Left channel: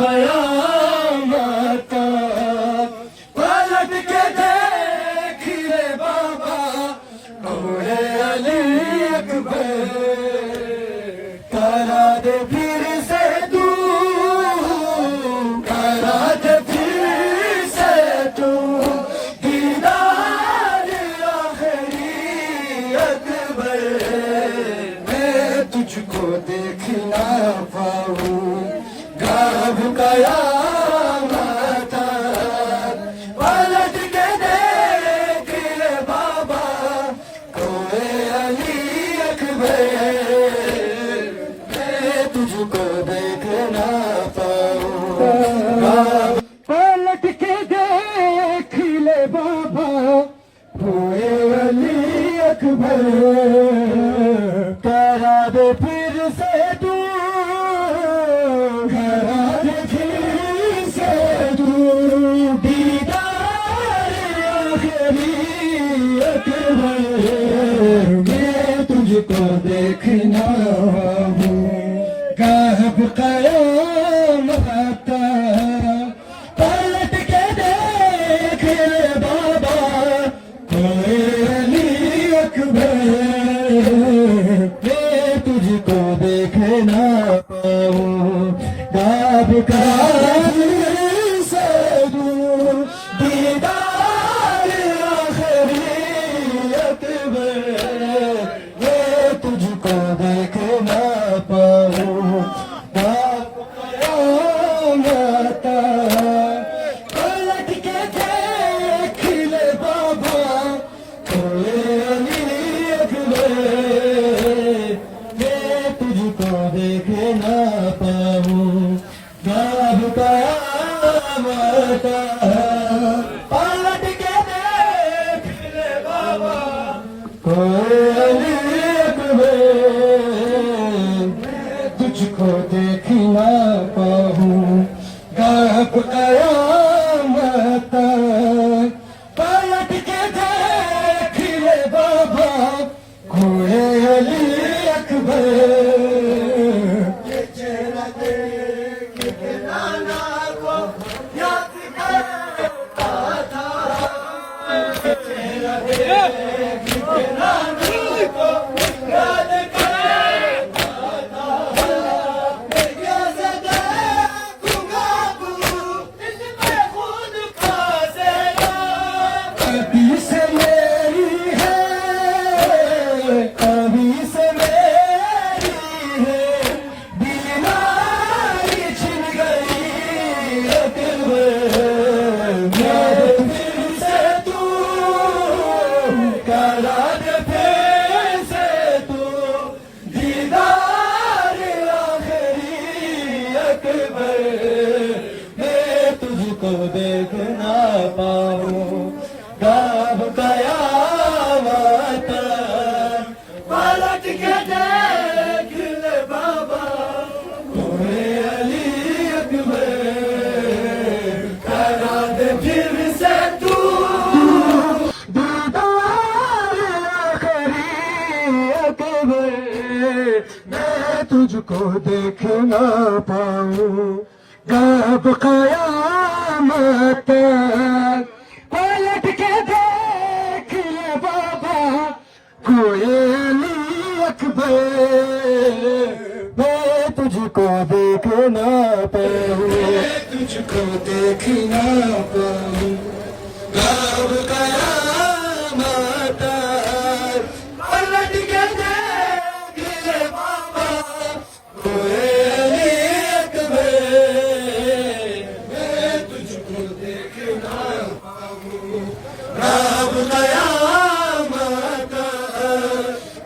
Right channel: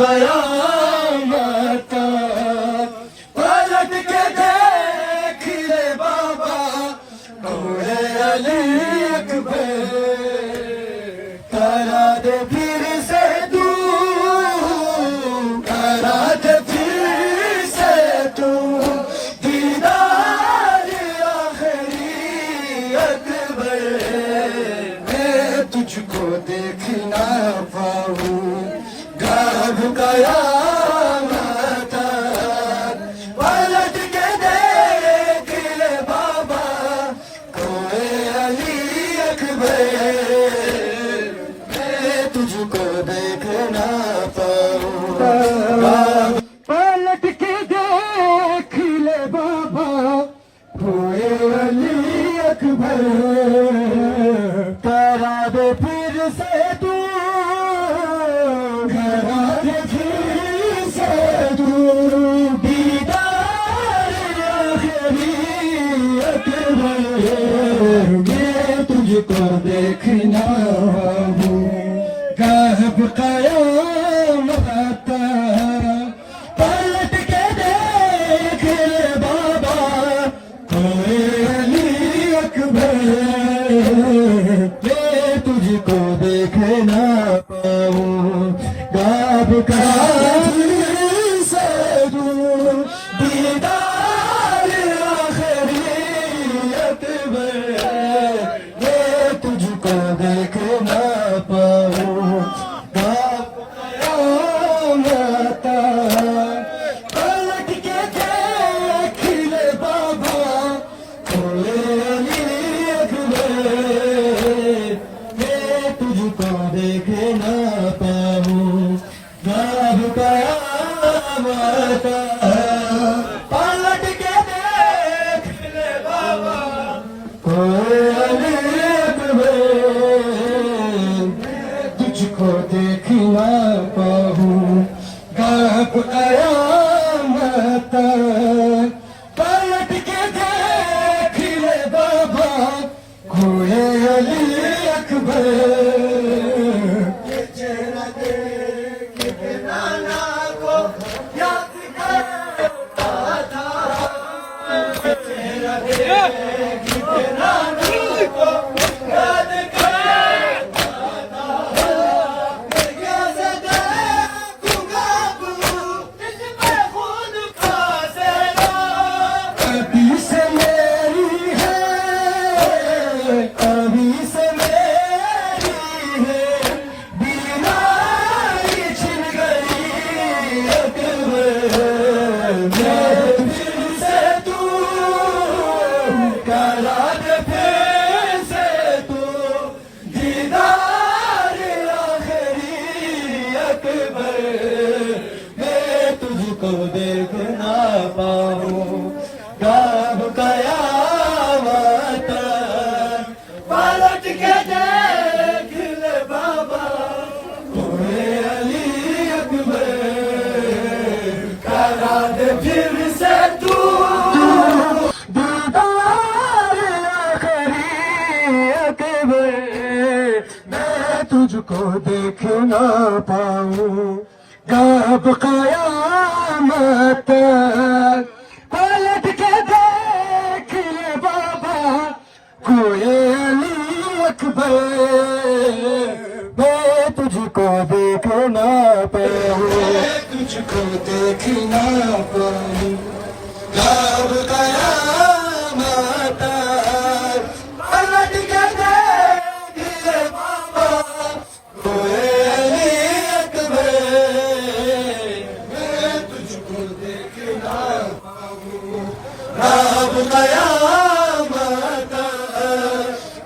कयामत पलट के देख ले बाबा कोए अली अकबर करा दे फिर से तू करा दे फिर से तू दीदार आखिरी अकबर मैं तुझको देख ना पाऊं गाब कयामत पलट के देख ले बाबा कोए अली अकबर मैं तुझको देख ना पाऊं पलट के देख ले बाबा कोए अली अकबर करा दे फिर से तू करा दे फिर से तू दीदार आखिरी अकबर मैं तुझको देखना हूँ गाब कयामत पलट के देख ले बाबा कोए अली अकबर मैं तुझको देखना पाऊं गाब कयामत से दीदार आखिरी अकबर मैं तुझको देखना पाऊं गाब कयामत पलट के देख ले बाबा कोए अली अकबर मैं तुझको देखना पाऊं गाब कयामत पलट के देख ले बाबा कोए अली अकबर मैं तुझको देखना पाऊं गाब कयामत पलट के देख ले बाबा कोए अली अकबर कभी से मेरी है कभी से मेरी है बीमारी छिन गई अकबर फिर से तू करा दे फिर से तू दीदार आखिरी अकबर मैं तुझको देखना पाऊं गाब कयामत पलट के देख ले बाबा कोए अली अकबर करा दे फिर से तू दीदार आखिरी अकबर मैं तुझको देखना पाऊं गाब कयामत पलट के देख ले बाबा कोए अली अकबर मैं तुझको देखना पाऊं तुझको देखना पाऊं गाब कयामत पलट के देख ले बाबा कोए अली अकबर मैं तुझको देखना पाऊं गाब कयामत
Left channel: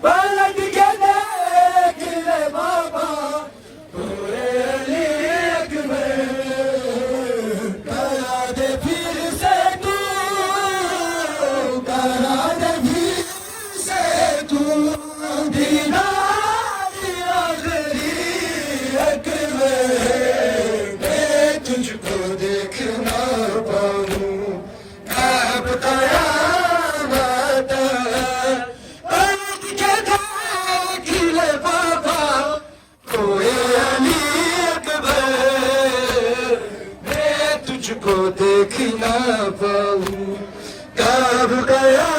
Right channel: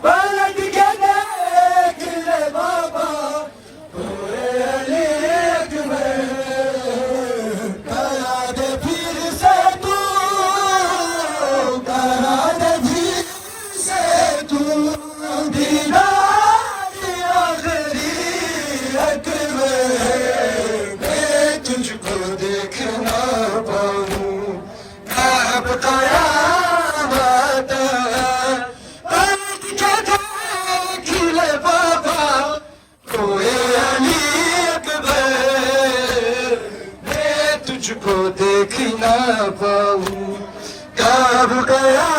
पलट के देख ले बाबा कोए अली अकबर करा दे फिर से तू करा दे फिर से तू दीदार आखिरी अकबर मैं तुझको देखना पाऊं गाब कयामत पलट के देख ले बाबा कोए अली अकबर तुझको देख ना पाऊं। कब गया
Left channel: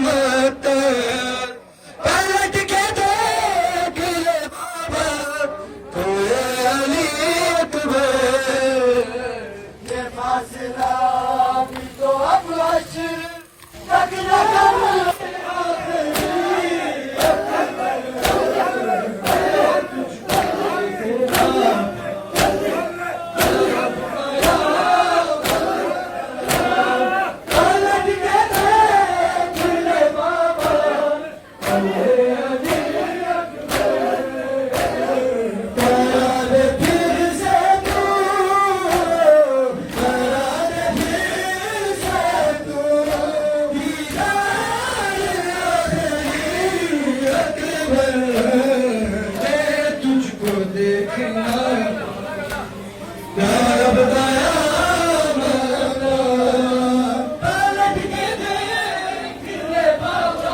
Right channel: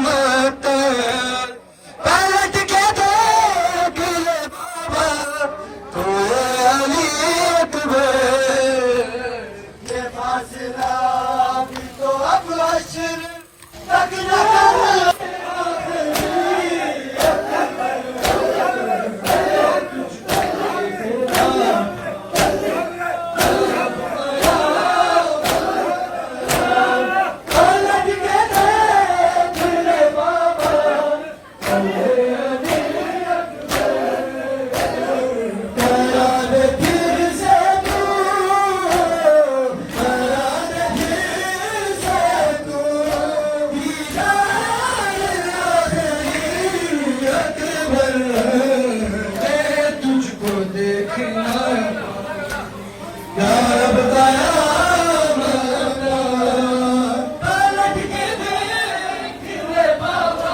मत पलट के देख बाबा तेरी ये फासला भी तो अब अशर तक न करो। तुझको देखना यार बताया पलट के देख ले बाबा।